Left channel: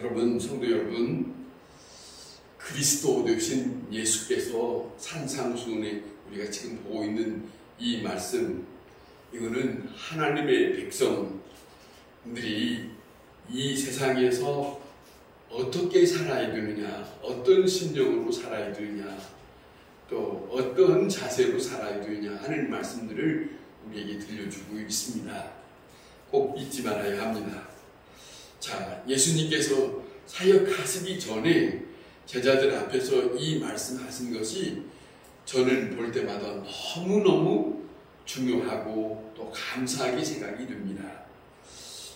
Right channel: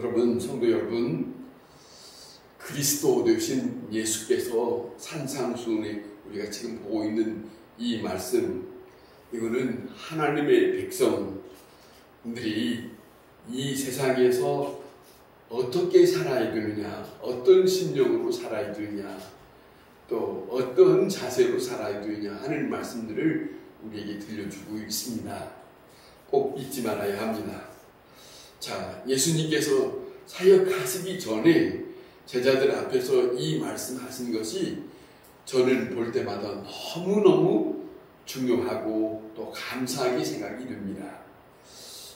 여러분, 성도 여러분, 그리스도 되신 예수께서 산상수훈에 우리가 지금 보고 있는 이 말씀, 이거는 하나님의 백성들이 이 세상에서 어떻게 살아야 되느냐, 어떤 심령으로 살아야 되느냐, 또 어떤 자세로 살아야 되느냐 하는 말씀들을 우리에게 들려주고 있습니다. 꼭 잊지 말아야 합니다. 자, 예수님께서 사역하시기 전에 제자들 앞에서 이 말씀하신 것이 저는 볼 때마다 너무너무 중요하고 또 감사하게 생각이 듭니다.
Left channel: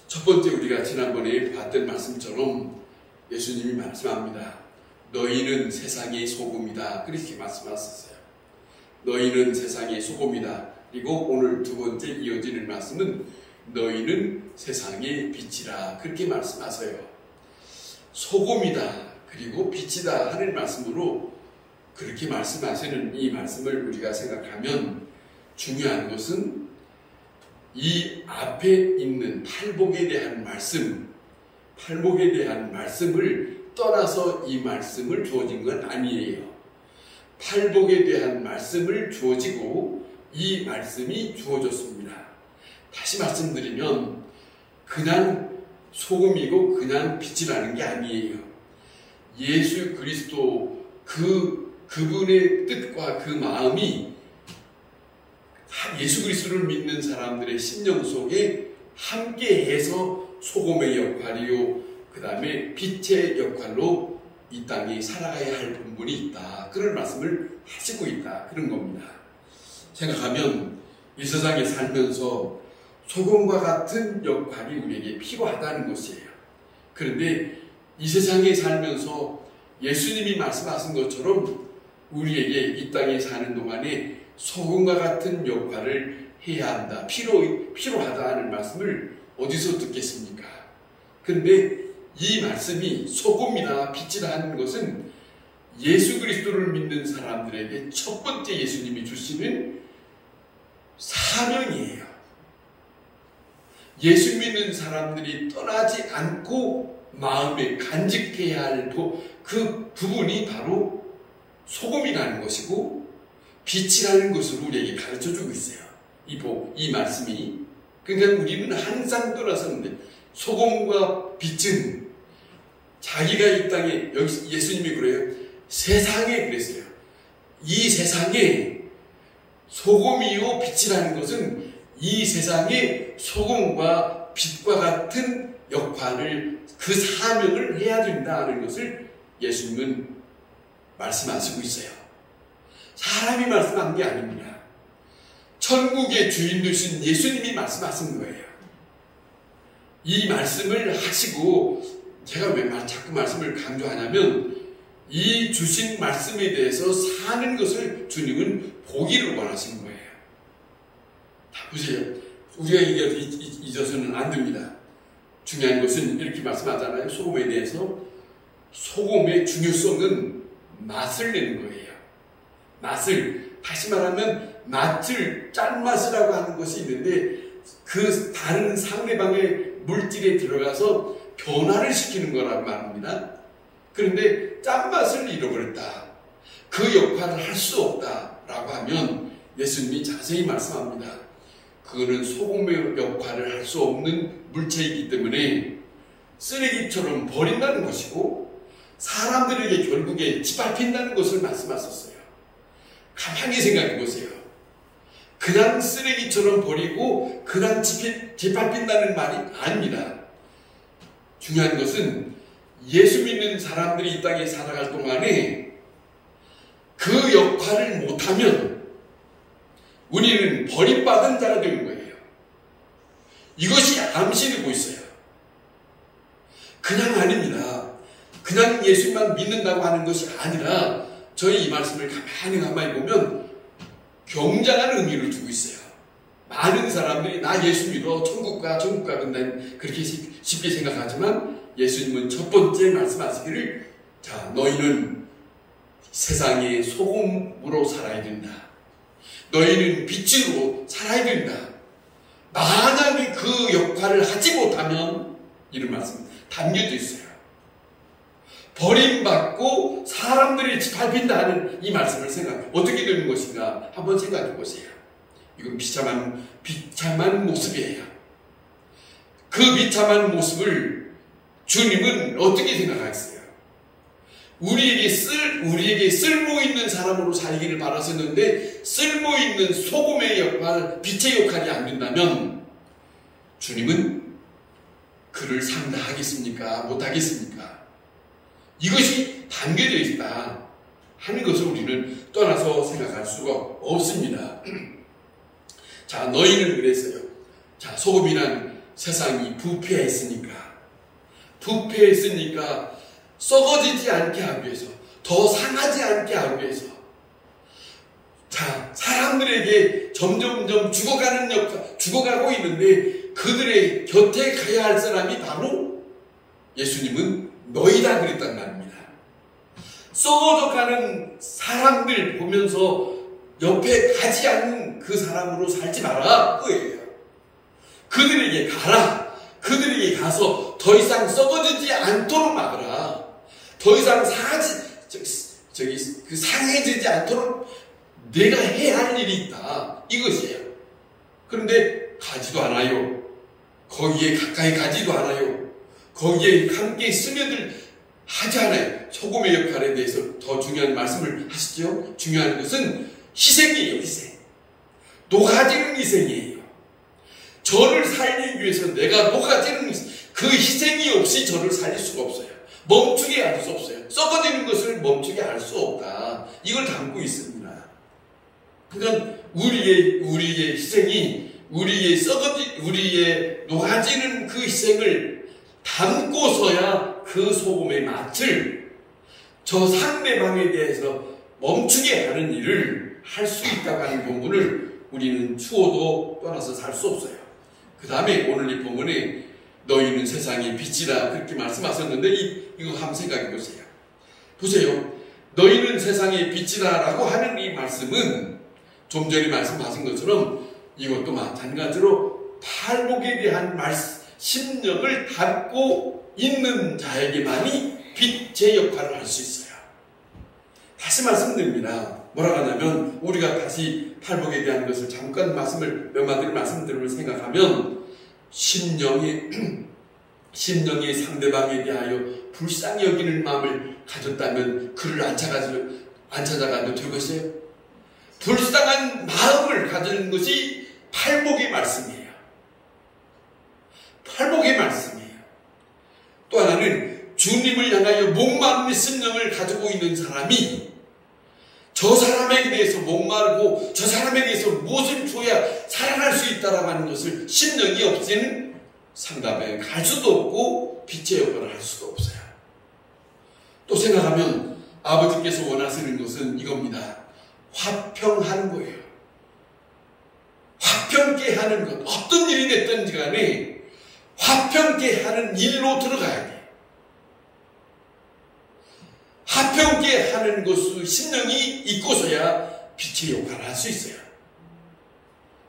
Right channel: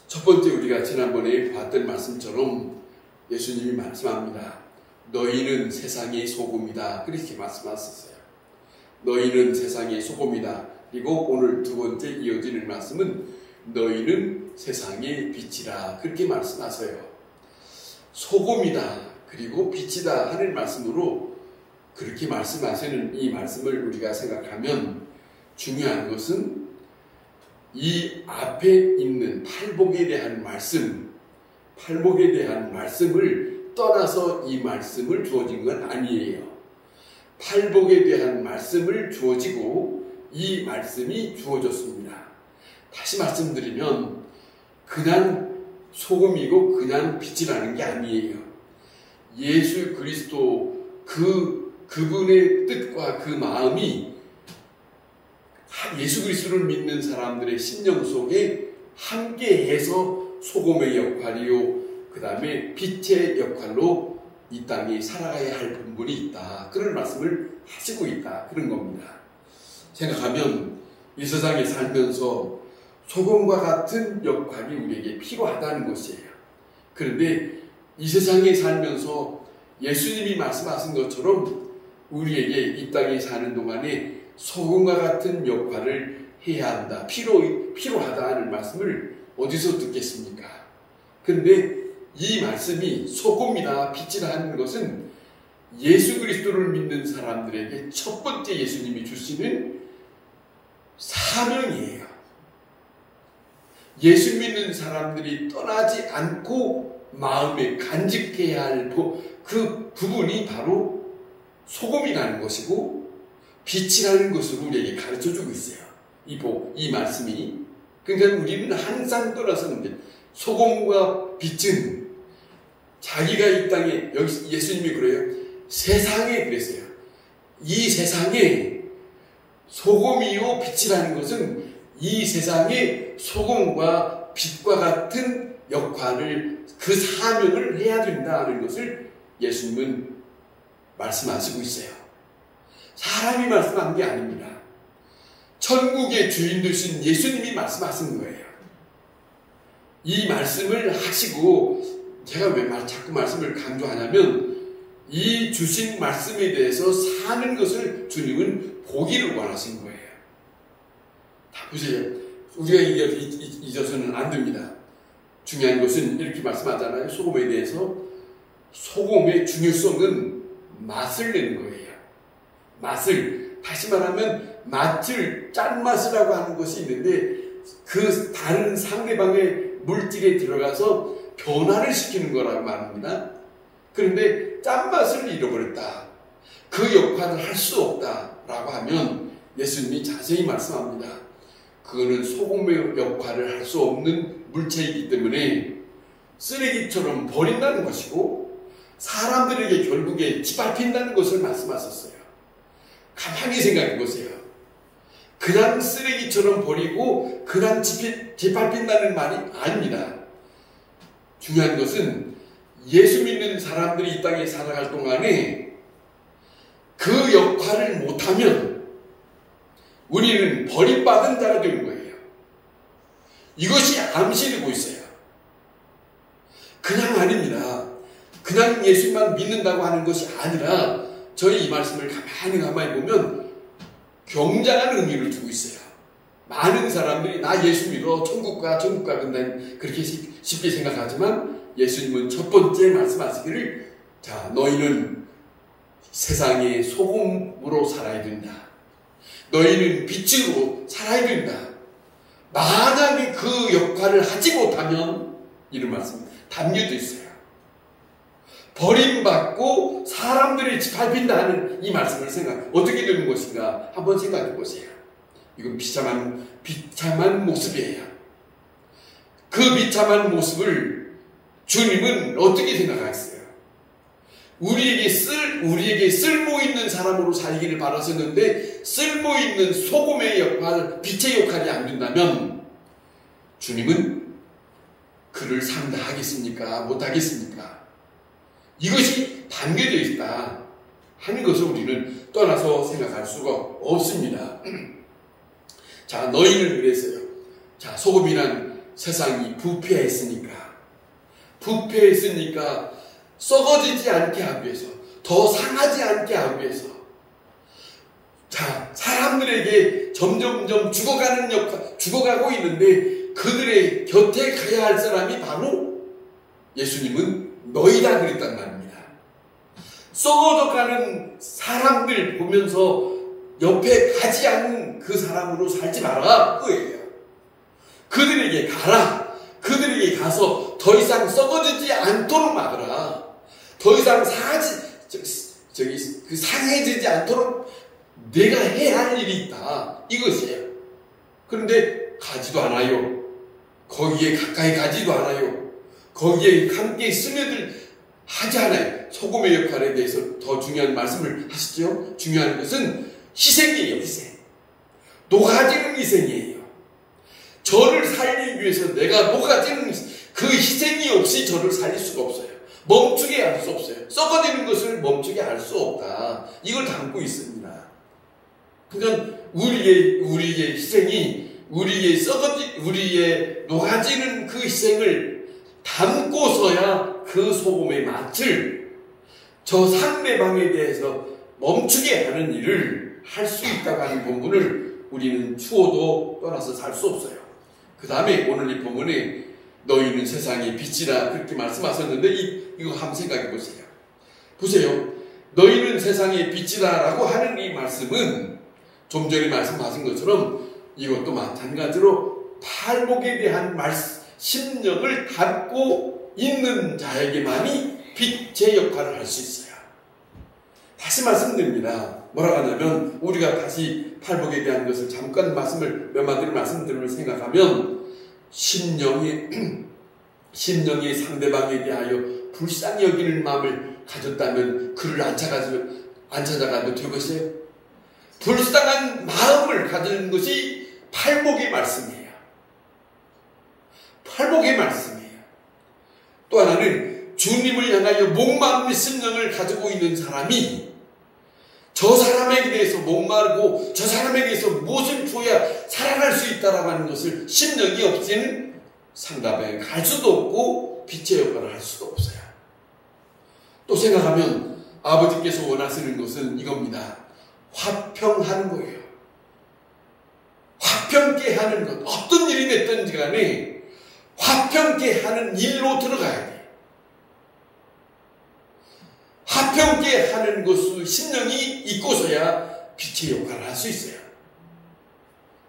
첫 번째, 우리가 지난번에 봤던 말씀처럼 예수님이 말씀합니다. 너희는 세상의 소금이다. 그렇게 말씀하셨어요. 너희는 세상의 소금이다. 그리고 오늘 두 번째 이어지는 말씀은 너희는 세상의 빛이라. 그렇게 말씀하세요. 소금이다. 그리고 빛이다 하는 말씀으로 그렇게 말씀하시는 이 말씀을 우리가 생각하면 중요한 것은 이 앞에 있는 팔복에 대한 말씀을 떠나서 이 말씀을 주어진 건 아니에요. 팔복에 대한 말씀을 주어지고 이 말씀이 주어졌습니다. 다시 말씀드리면 그냥 소금이고 그냥 빛이라는 게 아니에요. 예수 그리스도 그분의 뜻과 그 마음이 예수 그리스도를 믿는 사람들의 심령 속에 함께해서 소금의 역할이요, 그 다음에 빛의 역할로 이 땅에 살아가야 할 분분이 있다. 그런 말씀을 하시고 있다. 그런 겁니다. 생각하면 이 세상에 살면서 소금과 같은 역할이 우리에게 필요하다는 것이에요. 그런데 이 세상에 살면서 예수님이 말씀하신 것처럼 우리에게 이 땅에 사는 동안에 소금과 같은 역할을 해야 한다. 필요하다는 말씀을 어디서 듣겠습니까? 그런데 이 말씀이 소금이나 빛이라 하는 것은 예수 그리스도를 믿는 사람들에게 첫 번째 예수님이 주시는 사명이에요. 예수 믿는 사람들이 떠나지 않고 마음에 간직해야 할 그 부분이 바로 소금이라는 것이고 빛이라는 것을 우리에게 가르쳐주고 있어요. 이 말씀이. 그러니까 우리는 항상 떠나서는데 소금과 빛은 자기가 이 땅에, 여기 예수님이 그래요. 세상에 그랬어요. 이 세상에 소금이요 빛이라는 것은 이 세상에 소금과 빛과 같은 역할을, 그 사명을 해야 된다는 것을 예수님은 말씀하시고 있어요. 사람이 말씀한 게 아닙니다. 천국의 주인 되신 예수님이 말씀하신 거예요. 이 말씀을 하시고, 제가 왜 자꾸 말씀을 강조하냐면 이 주신 말씀에 대해서 사는 것을 주님은 보기를 원하신 거예요. 다 보세요. 우리가 잊어서는 안 됩니다. 중요한 것은 이렇게 말씀하잖아요. 소금에 대해서. 소금의 중요성은 맛을 내는 거예요. 맛을, 다시 말하면 맛을, 짠맛이라고 하는 것이 있는데 그 다른 상대방의 물질에 들어가서 변화를 시키는 거라고 말합니다. 그런데 짠맛을 잃어버렸다. 그 역할을 할 수 없다라고 하면 예수님이 자세히 말씀합니다. 그거는 소금의 역할을 할 수 없는 물체이기 때문에 쓰레기처럼 버린다는 것이고 사람들에게 결국에 짓밟힌다는 것을 말씀하셨어요. 가만히 생각해 보세요. 그냥 쓰레기처럼 버리고 그냥 짓밟힌다는 말이 아닙니다. 중요한 것은 예수 믿는 사람들이 이 땅에 살아갈 동안에 그 역할을 못하면 우리는 버림받은 자가 되는 거예요. 이것이 암시되고 있어요. 그냥 아닙니다. 그냥 예수만 믿는다고 하는 것이 아니라 저희 이 말씀을 가만히 보면 경장한 의미를 두고 있어요. 많은 사람들이 나 예수 믿어 천국 가 근데 그렇게 쉽게 생각하지만 예수님은 첫 번째 말씀하시기를, 자, 너희는 세상의 소금으로 살아야 된다. 너희는 빛으로 살아야 된다. 만약에 그 역할을 하지 못하면, 이런 말씀 담겨져 있어요. 버림받고 사람들이 짓밟힌다 하는 이 말씀을 어떻게 되는 것인가 한번 생각해 보세요. 이건 비참한 모습이에요. 그 비참한 모습을 주님은 어떻게 생각하셨어요? 우리에게 쓸모 있는 사람으로 살기를 바라셨는데 쓸모 있는 소금의 역할, 빛의 역할이 안 된다면 주님은 그를 상대하겠습니까? 못하겠습니까? 이것이 담겨져 있다 하는 것을 우리는 떠나서 생각할 수가 없습니다. 자, 너희는 그랬어요. 자, 소금이란 세상이 부패했으니까 썩어지지 않게 하기 위해서, 더 상하지 않게 하기 위해서, 자, 사람들에게 점점점 죽어가고 있는데 그들의 곁에 가야 할 사람이 바로 예수님은 너희라 그랬단 말입니다. 썩어져가는 사람들 보면서 옆에 가지 않는 그 사람으로 살지 마라 그거예요. 그들에게 가라. 그들에게 가서 더 이상 썩어지지 않도록 막으라. 더 이상 상해지지 않도록 내가 해야 할 일이 있다. 이것이에요. 그런데 가지도 않아요. 거기에 가까이 가지도 않아요. 거기에 함께 스며들 하지 않아요. 소금의 역할에 대해서 더 중요한 말씀을 하시죠. 중요한 것은 희생이에요. 희생. 녹아지는 희생이에요. 저를 살리기 위해서 내가 녹아지는 그 희생이 없이 저를 살릴 수가 없어요. 멈추게 할 수 없어요. 썩어지는 것을 멈추게 할 수 없다. 이걸 담고 있습니다. 그러니까 우리의 희생이 우리의 녹아지는 그 희생을 담고서야 그 소금의 맛을 저 상대방에 대해서 멈추게 하는 일을 할 수 있다고 하는 부분을 우리는 추워도 떠나서 살 수 없어요. 그 다음에 오늘 이 본문에 너희는 세상의 빛이라 그렇게 말씀하셨는데 이거 한번 생각해 보세요. 보세요. 너희는 세상의 빛이다 라고 하는 이 말씀은 좀 전에 말씀하신 것처럼 이것도 마찬가지로 팔복에 대한 심령을 담고 있는 자에게만이 빛의 역할을 할 수 있어요. 다시 말씀드립니다. 뭐라고 하냐면 우리가 다시 팔복에 대한 것을 잠깐 몇 마디를 말씀드리면 생각하면 심령이 상대방에 대하여 불쌍히 여기는 마음을 가졌다면 그를 안 찾아가도 되겠어요? 불쌍한 마음을 가지는 것이 팔복의 말씀이에요. 팔복의 말씀이에요. 또 하나는 주님을 향하여 목마른 심령을 가지고 있는 사람이 저 사람에게 대해서 목마르고 저 사람에게 대해서 무엇을 줘야 살아갈 수 있다라고 하는 것을 심령이 없이는 상담에 갈 수도 없고 빛의 역할을 할 수도 없어요. 또 생각하면 아버지께서 원하시는 것은 이겁니다. 화평하는 거예요. 화평케 하는 것. 어떤 일이 됐든지 간에 화평케 하는 일로 들어가야 돼. 화평케 하는 것을 심령이 있고서야 빛의 역할을 할 수 있어요.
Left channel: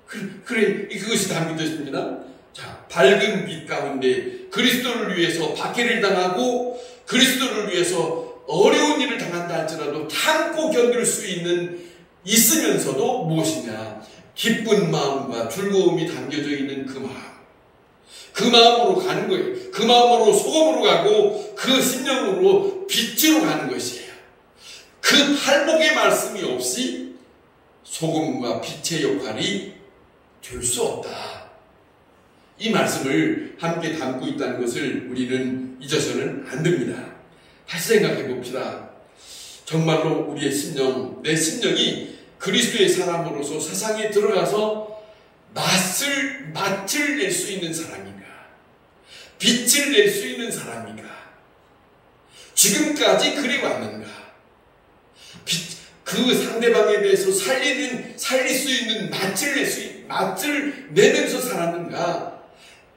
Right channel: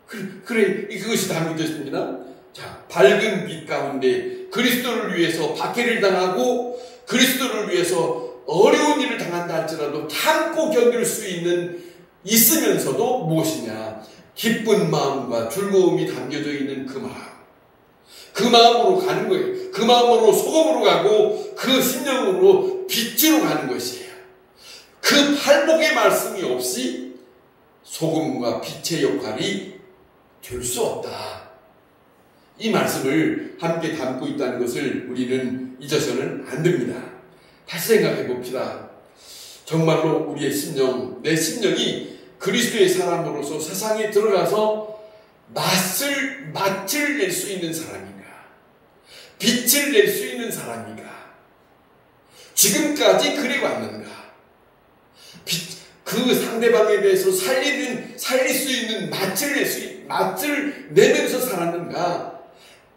그것이 담겨졌습니다. 자, 밝은 빛 가운데 그리스도를 위해서 박해를 당하고 그리스도를 위해서 어려운 일을 당한다 할지라도 참고 견딜 수 있으면서도 무엇이냐? 기쁜 마음과 즐거움이 담겨져 있는 그 마음. 그 마음으로 가는 거예요. 그 마음으로 소금으로 가고 그 심령으로 빛으로 가는 것이에요. 그 팔복의 말씀이 없이 소금과 빛의 역할이 될 수 없다. 이 말씀을 함께 담고 있다는 것을 우리는 잊어서는 안 됩니다. 다시 생각해 봅시다. 정말로 우리의 심령, 내 심령이 그리스도의 사람으로서 세상에 들어가서 맛을 낼 수 있는 사람인가? 빛을 낼 수 있는 사람인가? 지금까지 그래 왔는가? 그 상대방에 대해서 살릴 수 있는 맛을 내면서 살았는가?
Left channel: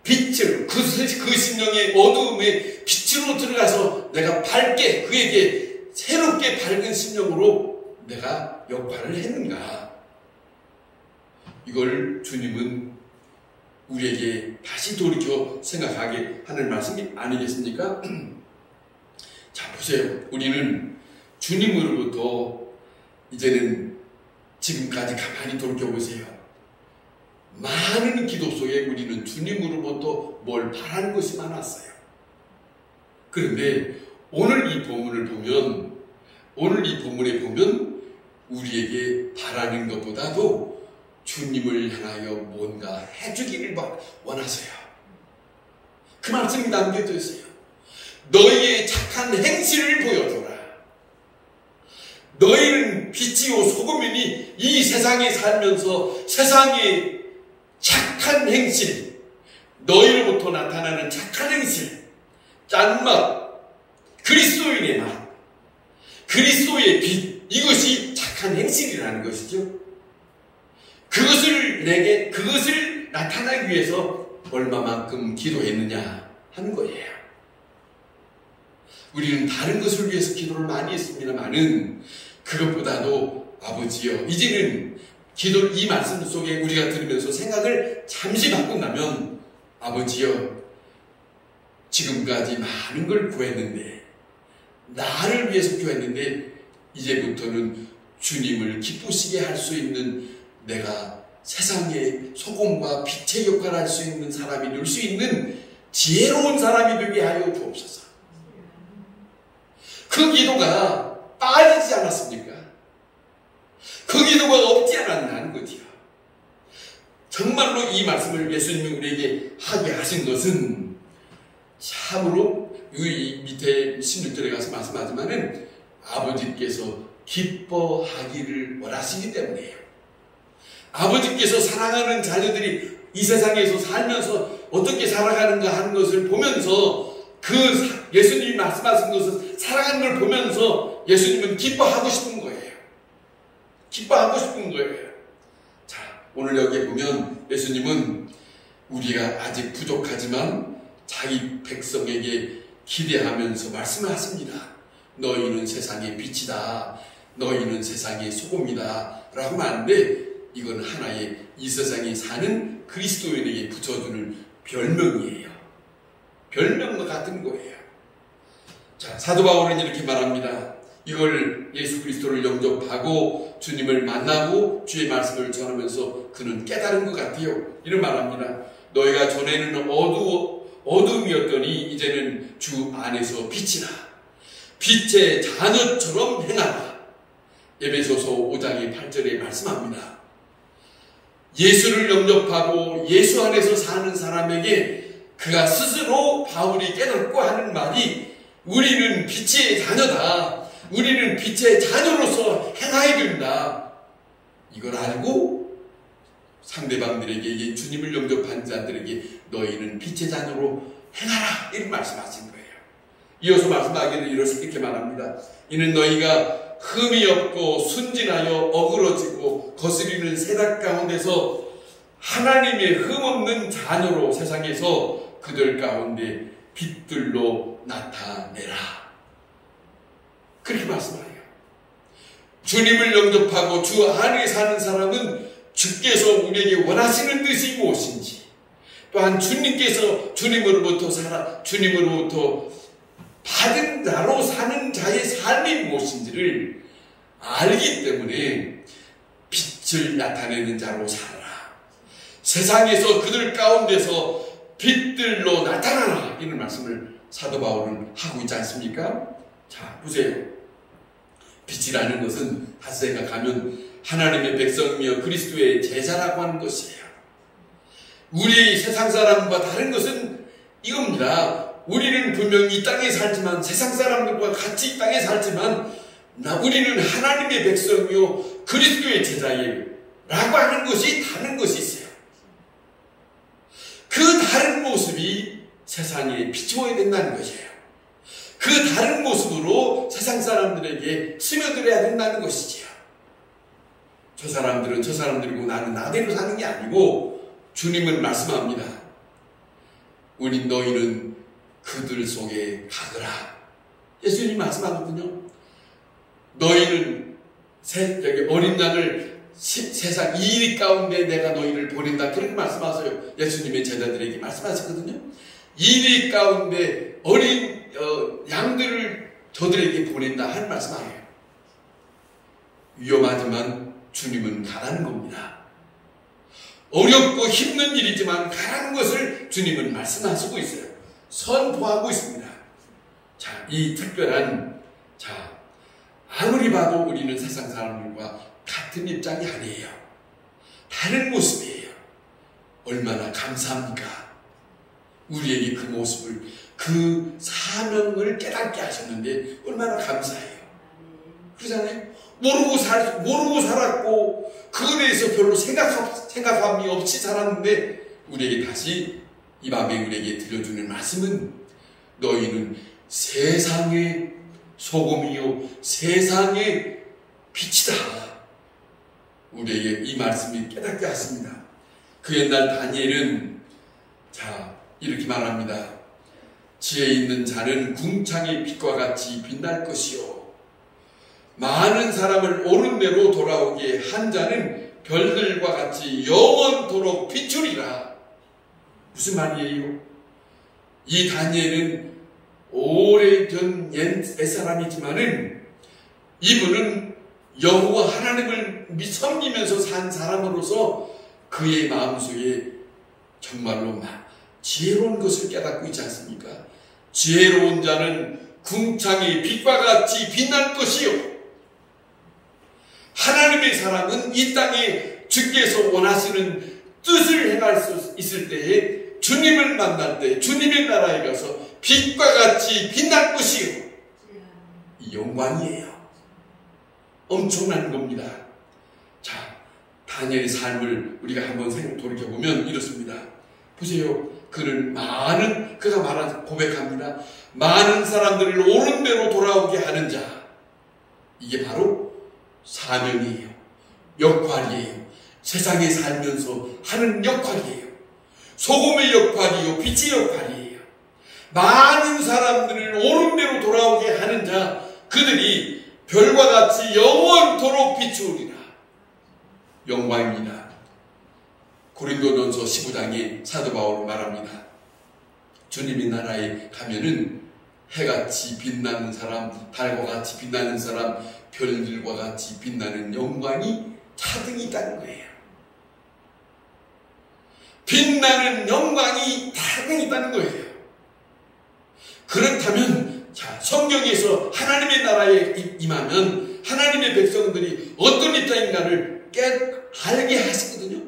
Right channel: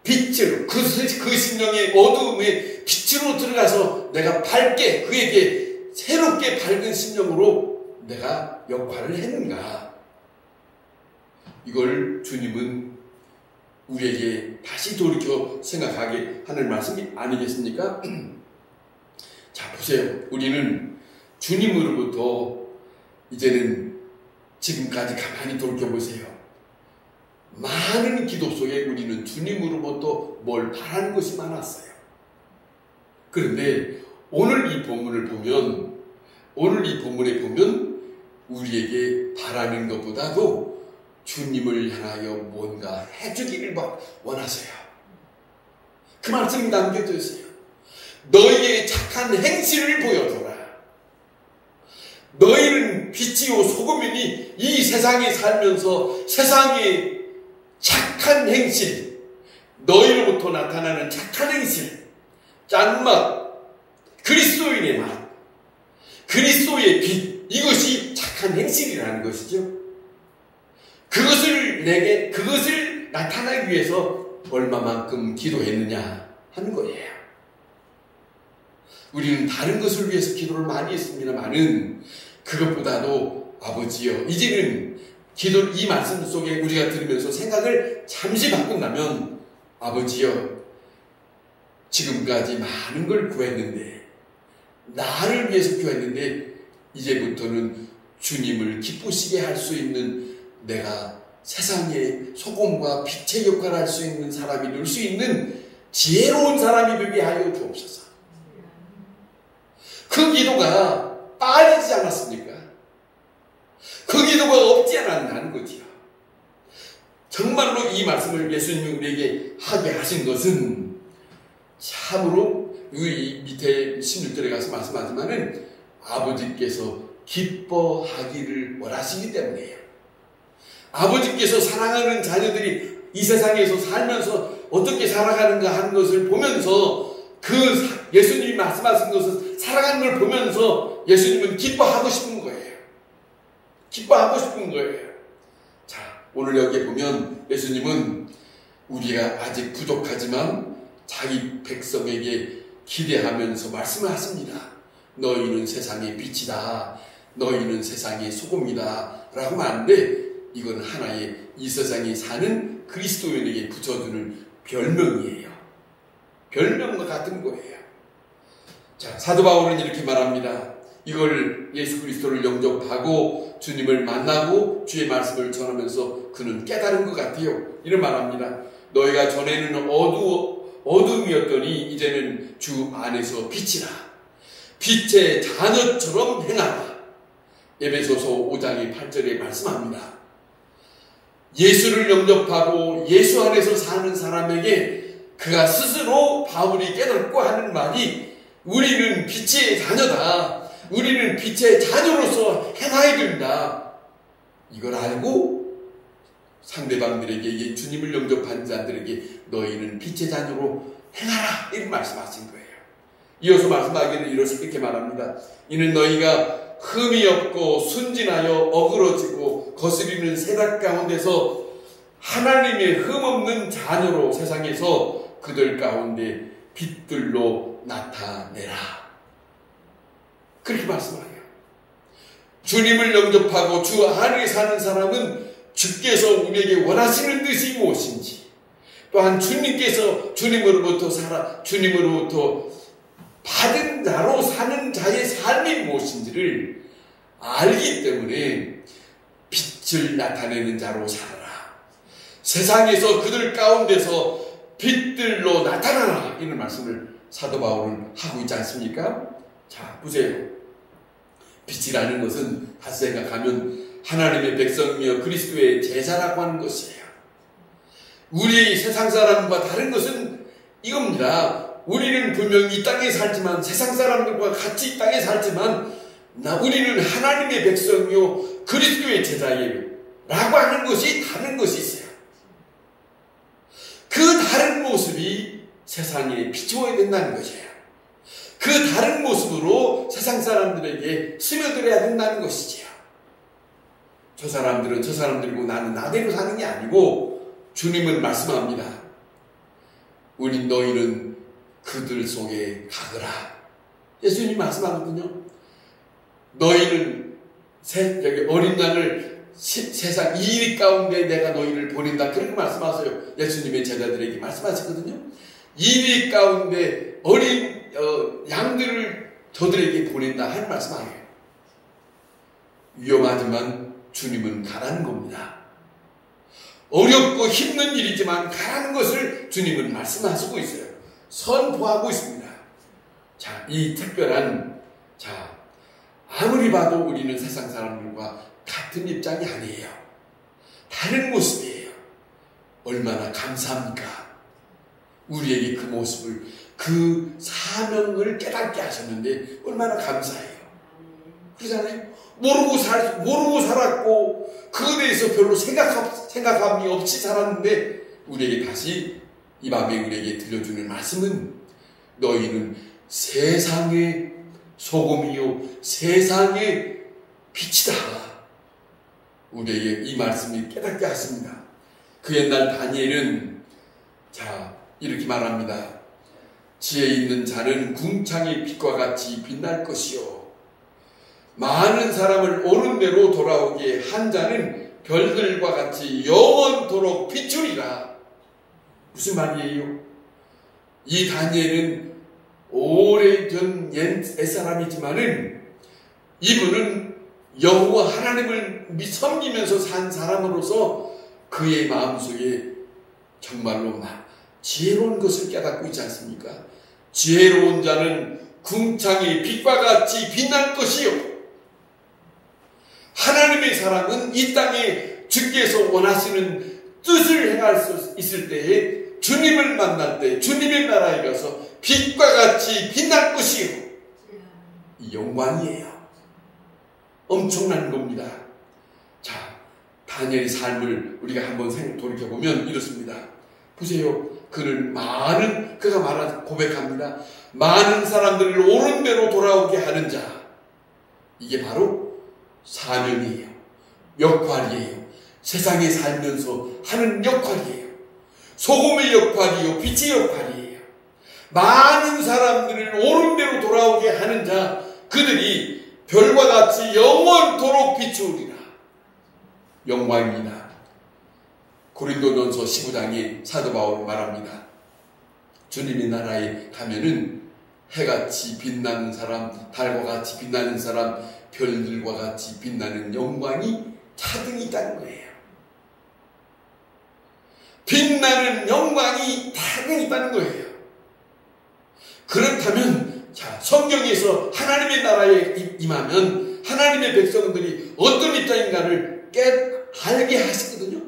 빛을, 그 심령의 어두움에 빛으로 들어가서 내가 밝게, 그에게 새롭게 밝은 심령으로 내가 역할을 했는가? 이걸 주님은 우리에게 다시 돌이켜 생각하게 하는 말씀이 아니겠습니까? 자, 보세요. 우리는 주님으로부터 이제는 지금까지 가만히 돌이켜보세요. 많은 기도 속에 우리는 주님으로부터 뭘 바라는 것이 많았어요. 그런데 오늘 이 본문에 보면 우리에게 바라는 것보다도 주님을 향하여 뭔가 해주기를 원하세요. 그 말씀이 담겨져 있어요. 너희의 착한 행실을 보여줘라. 너희는 빛이요 소금이니 이 세상에 살면서 세상의 착한 행실, 너희로부터 나타나는 착한 행실, 짠맛, 그리스도인의 맛, 그리스도의 빛, 이것이 착한 행실이라는 것이죠. 그것을 나타나기 위해서 얼마만큼 기도했느냐 하는 거예요. 우리는 다른 것을 위해서 기도를 많이 했습니다만은 그것보다도 아버지여, 이제는 기도 이 말씀 속에 우리가 들으면서 생각을 잠시 바꾼다면, 아버지여, 지금까지 많은 걸 구했는데, 나를 위해서 구했는데 이제부터는 주님을 기쁘시게 할 수 있는, 내가 세상의 소금과 빛의 역할을 할 수 있는 사람이 될 수 있는 지혜로운 사람이 되게 하여 주옵소서. 그 기도가 빠지지 않았습니까? 그 기도가 없지 않았냐는 거지요. 정말로 이 말씀을 예수님이 우리에게 하게 하신 것은 참으로 이 밑에 16절에 가서 말씀하지만은 아버지께서 기뻐하기를 원하시기 때문이에요. 아버지께서 사랑하는 자녀들이 이 세상에서 살면서 어떻게 살아가는가 하는 것을 보면서, 그 예수님이 말씀하신 것을 살아가는 걸 보면서 예수님은 기뻐하고 싶은 거예요. 기뻐하고 싶은 거예요. 자, 오늘 여기에 보면 예수님은 우리가 아직 부족하지만 자기 백성에게 기대하면서 말씀을 하십니다. 너희는 세상의 빛이다. 너희는 세상의 소금이다. 라고 하는데, 이건 하나의 이 세상에 사는 그리스도인에게 붙여주는 별명이에요. 별명과 같은 거예요. 자, 사도 바울은 이렇게 말합니다. 이걸 예수 그리스도를 영접하고 주님을 만나고 주의 말씀을 전하면서 그는 깨달은 것 같아요. 이런 말합니다. 너희가 전에는 어둠이었더니 이제는 주 안에서 빛이라. 빛의 자녀처럼 행하라. 에베소서 5장의 8절에 말씀합니다. 예수를 영접하고 예수 안에서 사는 사람에게 그가 스스로 바울이 깨닫고 하는 말이, 우리는 빛의 자녀다. 우리는 빛의 자녀로서 행하여야 된다. 이걸 알고 상대방들에게, 주님을 영접한 자들에게 너희는 빛의 자녀로 행하라. 이런 말씀하신 거예요. 이어서 말씀하기는 이렇게 말합니다. 이는 너희가 흠이 없고 순진하여 어그러지고 거스리는 세상 가운데서 하나님의 흠없는 자녀로 세상에서 그들 가운데 빛들로 나타내라. 그렇게 말씀하여요. 주님을 영접하고 주 안에 사는 사람은 주께서 우리에게 원하시는 뜻이 무엇인지, 또한 주님께서 주님으로부터 받은 자로 사는 자의 삶이 무엇인지를 알기 때문에 빛을 나타내는 자로 살아라. 세상에서 그들 가운데서 빛들로 나타나라. 이런 말씀을 사도 바울은 하고 있지 않습니까? 자, 보세요. 빛이라는 것은 다시 생각하면 하나님의 백성이며 그리스도의 제자라고 하는 것이에요. 우리의 세상 사람과 다른 것은 이겁니다. 우리는 분명히 이 땅에 살지만, 세상 사람들과 같이 이 땅에 살지만, 우리는 하나님의 백성이요 그리스도의 제자예요 라고 하는 것이 다른 것이 있어요. 그 다른 모습이 세상에 비추어야 된다는 것이에요. 그 다른 모습으로 세상 사람들에게 스며들어야 된다는 것이지요. 저 사람들은 저 사람들이고 나는 나대로 사는 게 아니고, 주님은 말씀합니다. 너희는 그들 속에 가거라. 예수님이 말씀하거든요. 너희는 어린 양을 세상 이 일 가운데 내가 너희를 보낸다. 그렇게 말씀하세요. 예수님의 제자들에게 말씀하셨거든요. 이 일 가운데 어린 양들을 저들에게 보낸다 하는 말씀 아니에요. 위험하지만 주님은 가라는 겁니다. 어렵고 힘든 일이지만 가라는 것을 주님은 말씀하시고 있어요. 선포하고 있습니다. 자, 이 특별한, 아무리 봐도 우리는 세상 사람들과 같은 입장이 아니에요. 다른 모습이에요. 얼마나 감사합니까? 우리에게 그 모습을, 그 사명을 깨닫게 하셨는데 얼마나 감사해요. 그러잖아요. 모르고 살았고 그에 대해서 별로 생각함이 없이 살았는데 우리에게 다시 이 밤에 우리에게 들려주는 말씀은 너희는 세상의 소금이요 세상의 빛이다. 우리에게 이 말씀이 깨닫게 하십니다. 그 옛날 다니엘은 이렇게 말합니다. 지혜 있는 자는 궁창의 빛과 같이 빛날 것이요 많은 사람을 옳은 대로 돌아오게 한 자는 별들과 같이 영원토록 비추리라. 무슨 말이에요? 이 다니엘은 오래전 옛사람이지만은 이분은 여호와 하나님을 섬기면서 산 사람으로서 그의 마음속에 정말로 지혜로운 것을 깨닫고 있지 않습니까? 지혜로운 자는 궁창의 빛과 같이 빛날 것이요 하나님의 사람은 이 땅에 주께서 원하시는 뜻을 행할 수 있을 때에 주님을 만날 때 주님의 나라에 가서 빛과 같이 빛날 것이요 이 영광이에요. 엄청난 겁니다. 다니엘의 삶을 우리가 한번 돌이켜보면 이렇습니다. 보세요. 그가 고백합니다. 많은 사람들을 옳은 대로 돌아오게 하는 자. 이게 바로 사명이에요. 역할이에요. 세상에 살면서 하는 역할이에요. 소금의 역할이요. 빛의 역할이에요. 많은 사람들을 옳은 대로 돌아오게 하는 자. 그들이 별과 같이 영원토록 비추리라. 영광입니다. 고린도전서 15장에 사도 바울은 말합니다. 주님의 나라에 가면은 해같이 빛나는 사람, 달과 같이 빛나는 사람, 별들과 같이 빛나는 영광이 차등이 있다는 거예요. 빛나는 영광이 차등이 있다는 거예요. 그렇다면 성경에서 하나님의 나라에 임하면 하나님의 백성들이 어떤 입장인가를 알게 하시거든요.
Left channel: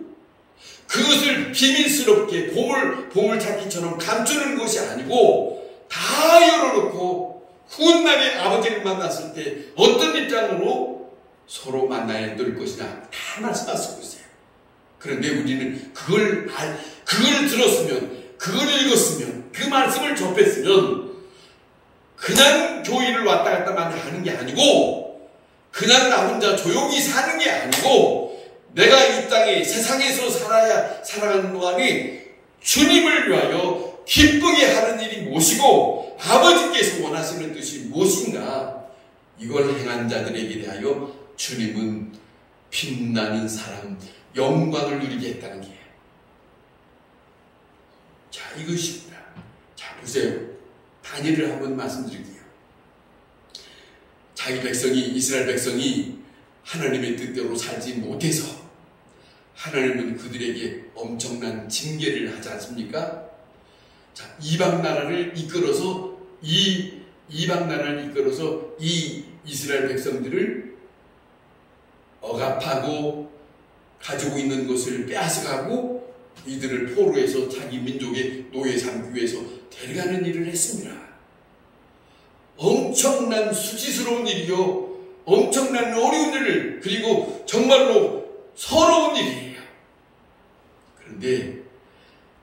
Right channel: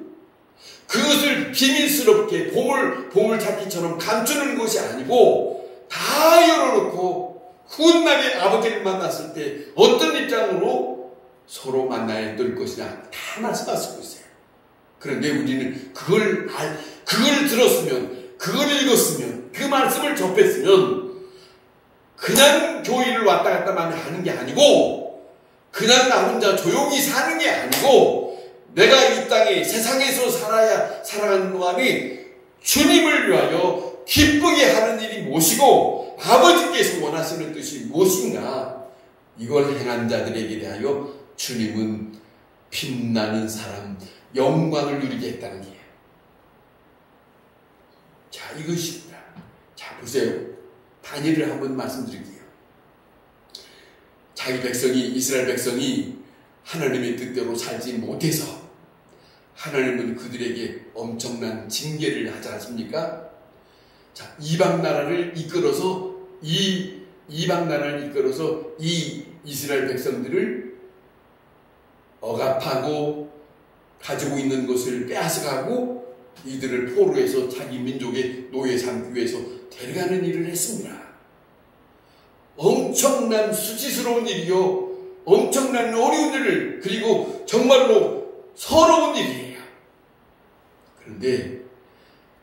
그것을 비밀스럽게 보물찾기처럼 감추는 것이 아니고 다 열어놓고 훈남의 아버지를 만났을 때 어떤 입장으로 서로 만나야 될 것이냐 다 말씀하시고 있어요. 그런데 우리는 그걸 들었으면, 그걸 읽었으면, 그 말씀을 접했으면 그냥 교회를 왔다 갔다만 하는 게 아니고 그냥 나 혼자 조용히 사는 게 아니고 내가 이 땅에 세상에서 살아가는 동안에 주님을 위하여 기쁘게 하는 일이 무엇이고 아버지께서 원하시는 뜻이 무엇인가 이걸 행한 자들에게 대하여 주님은 빛나는 사람, 영광을 누리게 했다는 게 이것입니다. 보세요. 다니엘을 한번 말씀드릴게요. 자기 백성이, 이스라엘 백성이 하나님의 뜻대로 살지 못해서 하나님은 그들에게 엄청난 징계를 하지 않습니까? 이방 나라를 이끌어서 이 이스라엘 백성들을 억압하고 가지고 있는 것을 빼앗아가고 이들을 포로해서 자기 민족의 노예 삼기 위해서 데려가는 일을 했습니다. 엄청난 수치스러운 일이요. 엄청난 어려운 일을, 그리고 정말로 서러운 일이에요. 그런데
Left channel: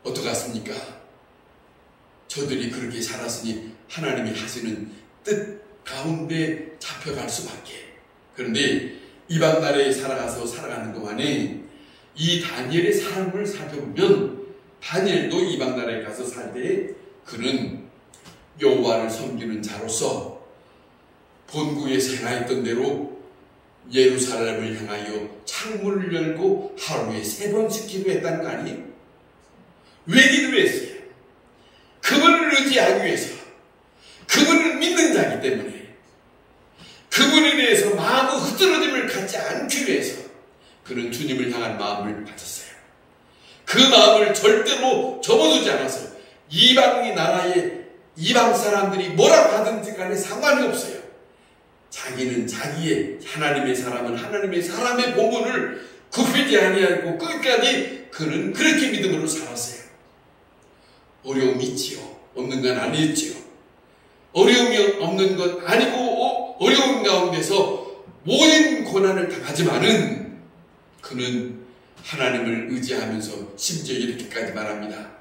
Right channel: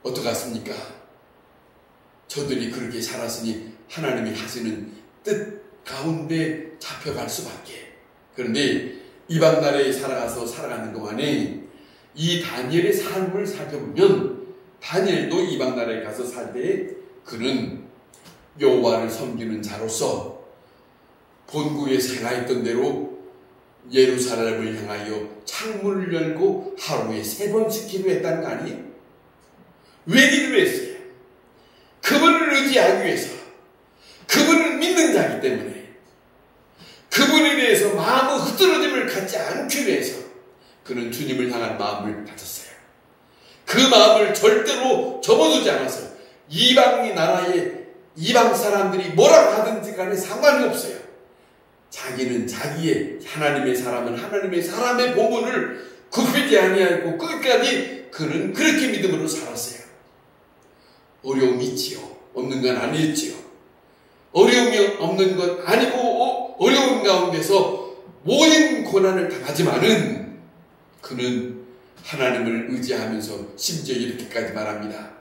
어떡하십니까? 저들이 그렇게 살았으니 하나님이 하시는 뜻 가운데 잡혀갈 수밖에. 그런데 이방 나라에 살아가는 동안에 이 다니엘의 삶을 살펴보면 다니엘도 이방 나라에 가서 살 때 그는 여호와를 섬기는 자로서 본국에 생활했던 대로 예루살렘을 향하여 창문을 열고 하루에 3번씩 기도했다는 거 아니에요? 왜 기도했어요? 그분을 의지하기 위해서, 그분을 믿는 자이기 때문에, 흐트러짐을 갖지 않기 위해서 그는 주님을 향한 마음을 가졌어요. 그 마음을 절대로 접어두지 않았어요. 이방 나라의 이방 사람들이 뭐라고 하든지 간에 상관이 없어요. 자기는 자기의 하나님의 사람은 하나님의 사람의 본분을 굽히지 아니하고 끝까지 그는 그렇게 믿음으로 살았어요. 어려움이 있지요. 없는 건 아니었지요. 어려움이 없는 건 아니고 어려운 가운데서 모든 고난을 당하지만은 그는 하나님을 의지하면서 심지어 이렇게까지 말합니다.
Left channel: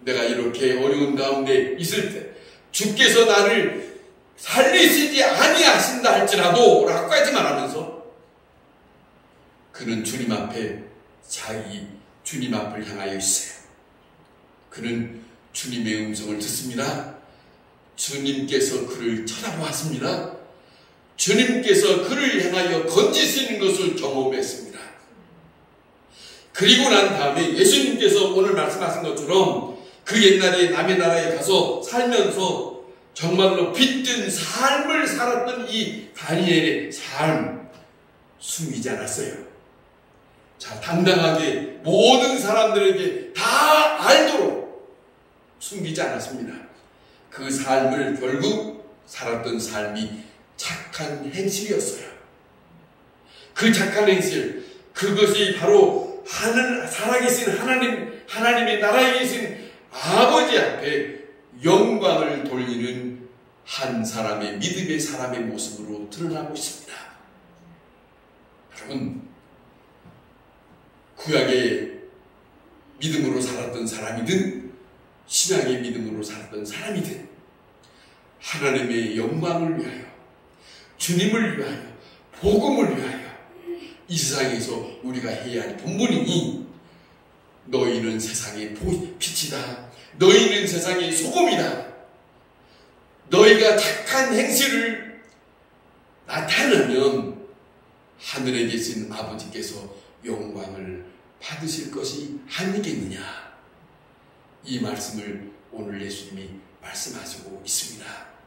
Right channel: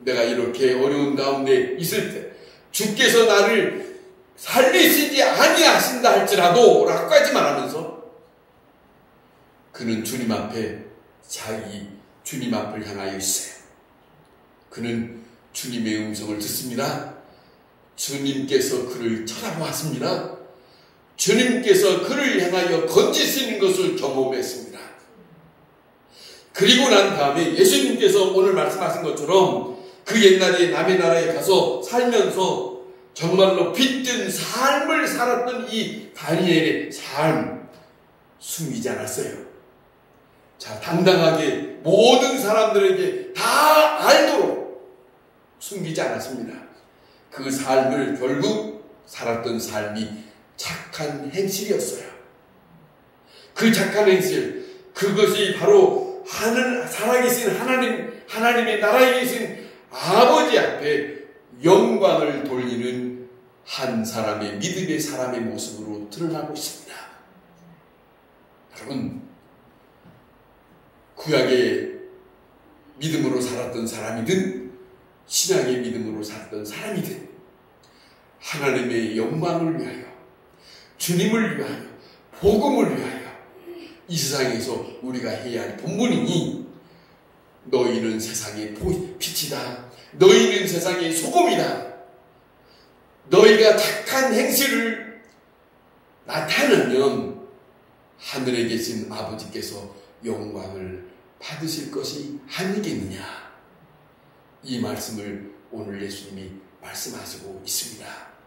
내가 이렇게 어려운 가운데 있을 때 주께서 나를 살리시지 아니하신다 할지라도 라고까지 말하면서 그는 주님 앞에 자기 주님 앞을 향하여 있어요. 그는 주님의 음성을 듣습니다. 주님께서 그를 쳐다보았습니다. 주님께서 그를 향하여 건지시는 것을 경험했습니다. 그리고 난 다음에 예수님께서 오늘 말씀하신 것처럼 그 옛날에 남의 나라에 가서 살면서 정말로 빛든 삶을 살았던 이 다니엘의 삶 숨기지 않았어요. 자, 당당하게 모든 사람들에게 다 알도록 숨기지 않았습니다. 그 삶을 결국 살았던 삶이 착한 행실이었어요. 그 착한 행실, 그것이 바로 살아계신 하나님의 나라에 계신 아버지 앞에 영광을 돌리는 한 사람의 믿음의 사람의 모습으로 드러나고 있습니다. 여러분, 구약의 믿음으로 살았던 사람이든 신앙의 믿음으로 살았던 사람이든 하나님의 영광을 위하여, 주님을 위하여, 복음을 위하여 이 세상에서 우리가 해야 할 본분이니 너희는 세상의 빛이다. 너희는 세상의 소금이다. 너희가 착한 행실을 나타내면 하늘에 계신 아버지께서 영광을 받으실 것이 아니겠느냐. 이 말씀을 오늘 예수님이 말씀하시고 있습니다.